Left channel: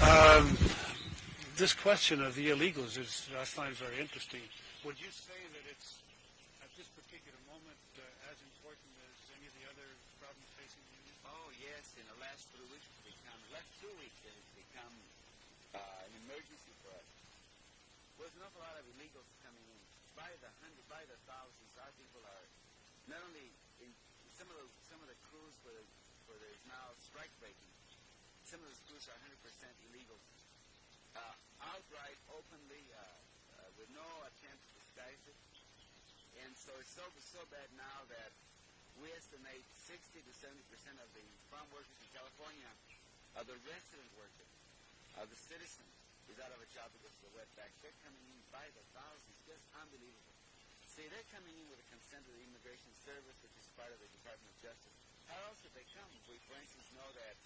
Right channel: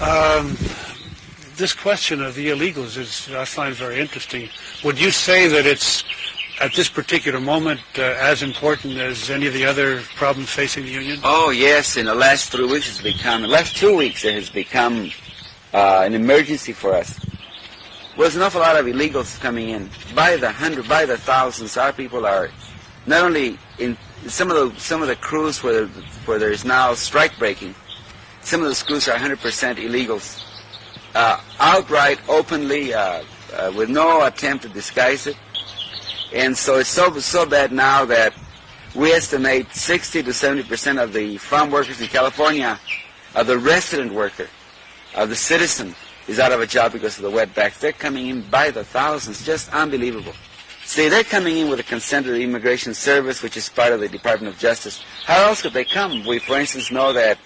Um, this question of the illegals is, I find very interesting. Would you say that it's, at this particular moment, as important as any of the other problems facing the union? Oh, yes. In the last 3 weeks, the last 2 weeks, it has become an emergency for us. There's an awful lot of illegals coming in by the hundred, by the thousands. Our people are not only in some of the crews where there's now strike breaking. Some of those crews are 100% illegals, outright, openly, with no attempt to disguise it. And so it's so bad now that we estimate 60 to 70% of the farm workers in California, of the resident worker, of the citizen, is out of a job because of the wetbacks. They're coming in by the thousands, just unbelievable. See, they're coming in with the consent of the Immigration Service, which is part of the Department of Justice. How else could they come? We, for instance, know that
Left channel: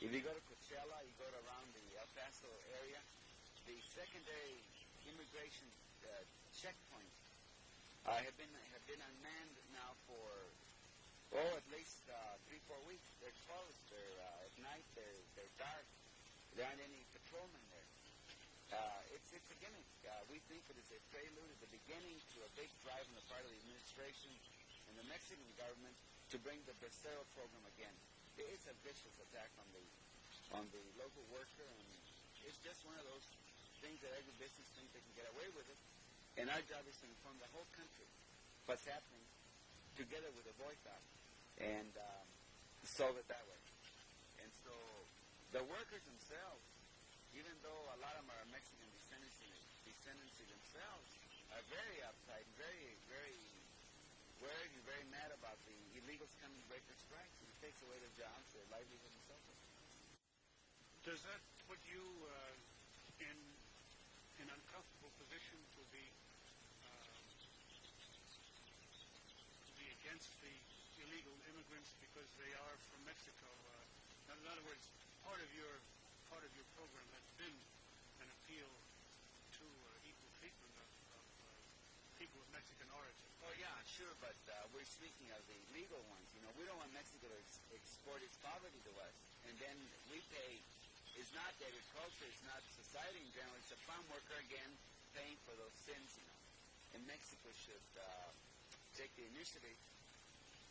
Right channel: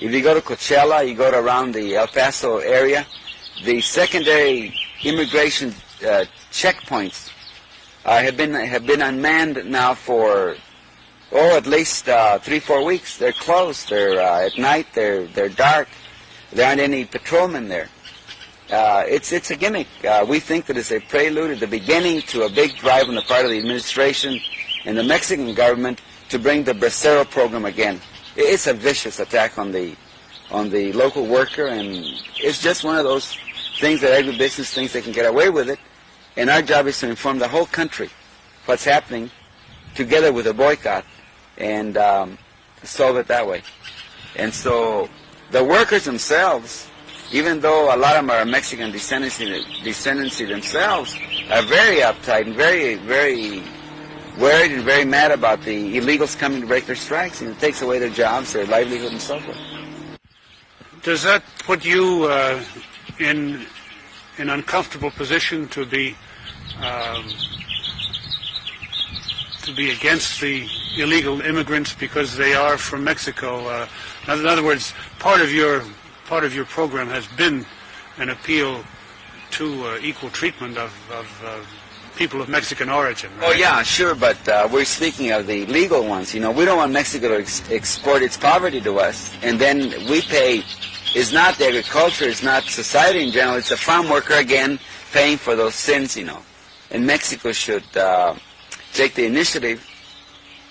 if you go to Coachella, you go to around the El Paso area, the secondary immigration checkpoints have been unmanned now for at least 3-4 weeks. They're closed. They're at night. They're dark. There aren't any patrolmen there. It's a gimmick. We think that it's a prelude at the beginning to a big drive on the part of the administration and the Mexican government to bring the Bracero program again. It's a vicious attack on the local worker, and it's just one of those things that agribusiness thinks they can get away with it. And our job is to inform the whole country what's happening, together with a boycott, and solve it that way. And so the workers themselves, even though a lot of them are Mexican descendancy themselves, are very uptight and very, very worried and very mad about the illegals coming to break their strikes, and it takes away their jobs, their livelihood, and so forth. Does that put you in an uncomfortable position to be against the illegal immigrants because they are from Mexico? In other words, part of your program has been an appeal to equal treatment of people of Mexican origin, right? Oh, yeah, sure, but we're speaking of the legal ones. You know, we don't want Mexico to export its poverty to us, and then we pay. It's not the agriculture, it's not society in general, it's the farm worker, again, paying for those sins, you know. And Mexico should take the initiative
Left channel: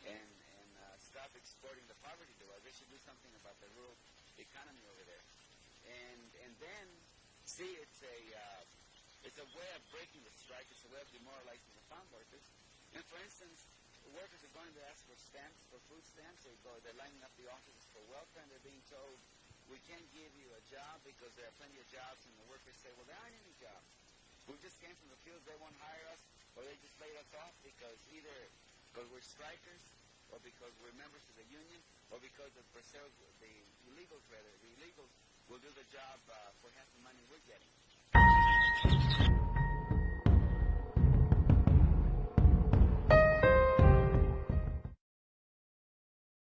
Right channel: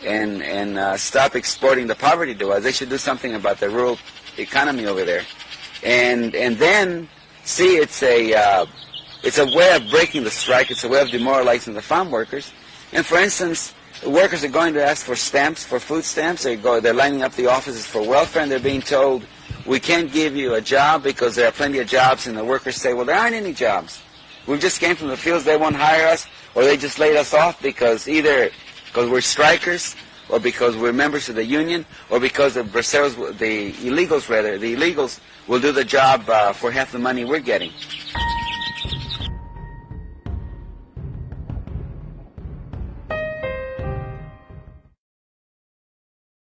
and stop exporting the poverty to us. They should do something about the rural economy over there. And then, see, it's a way of breaking the strike. It's a way of demoralizing the farm workers. And for instance, the workers are going to ask for stamps, for food stamps. They're lining up the offices for welfare, and they're being told, we can't give you a job because there are plenty of jobs. And the workers say, well, there aren't any jobs. We just came from the fields. They won't hire us, or they just laid us off because either because we're strikers, or because we're members of the union, or because the illegals will do the job for half the money we're getting.